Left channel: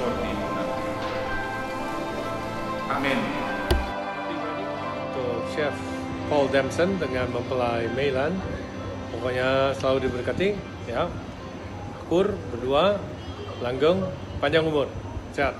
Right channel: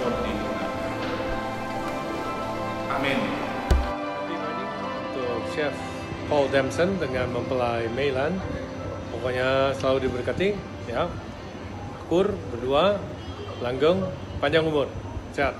sport di Yunani. Amin. Happy wedding untuk Chef Paul Damson dengan mempelai Meilan. Pokoknya selalu diberkati, ya. Akur, berdua, langgeng, panjang umur, sehat.